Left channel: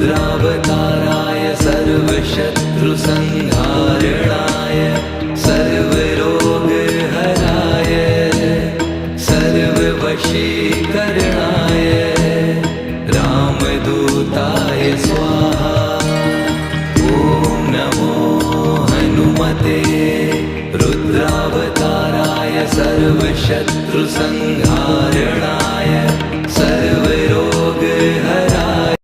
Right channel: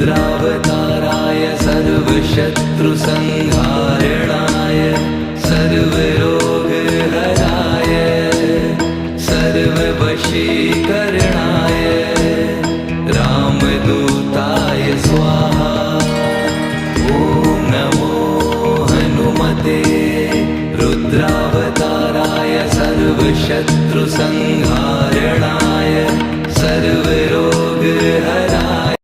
रुद्रावताराय सर्वशत्रुसंहारणाय सर्वरोगहराय सर्ववशीकरणाय रामदूताय स्वाहा। ॐ नमो हनुमते रुद्रावताराय सर्वशत्रुसंहारणाय सर्व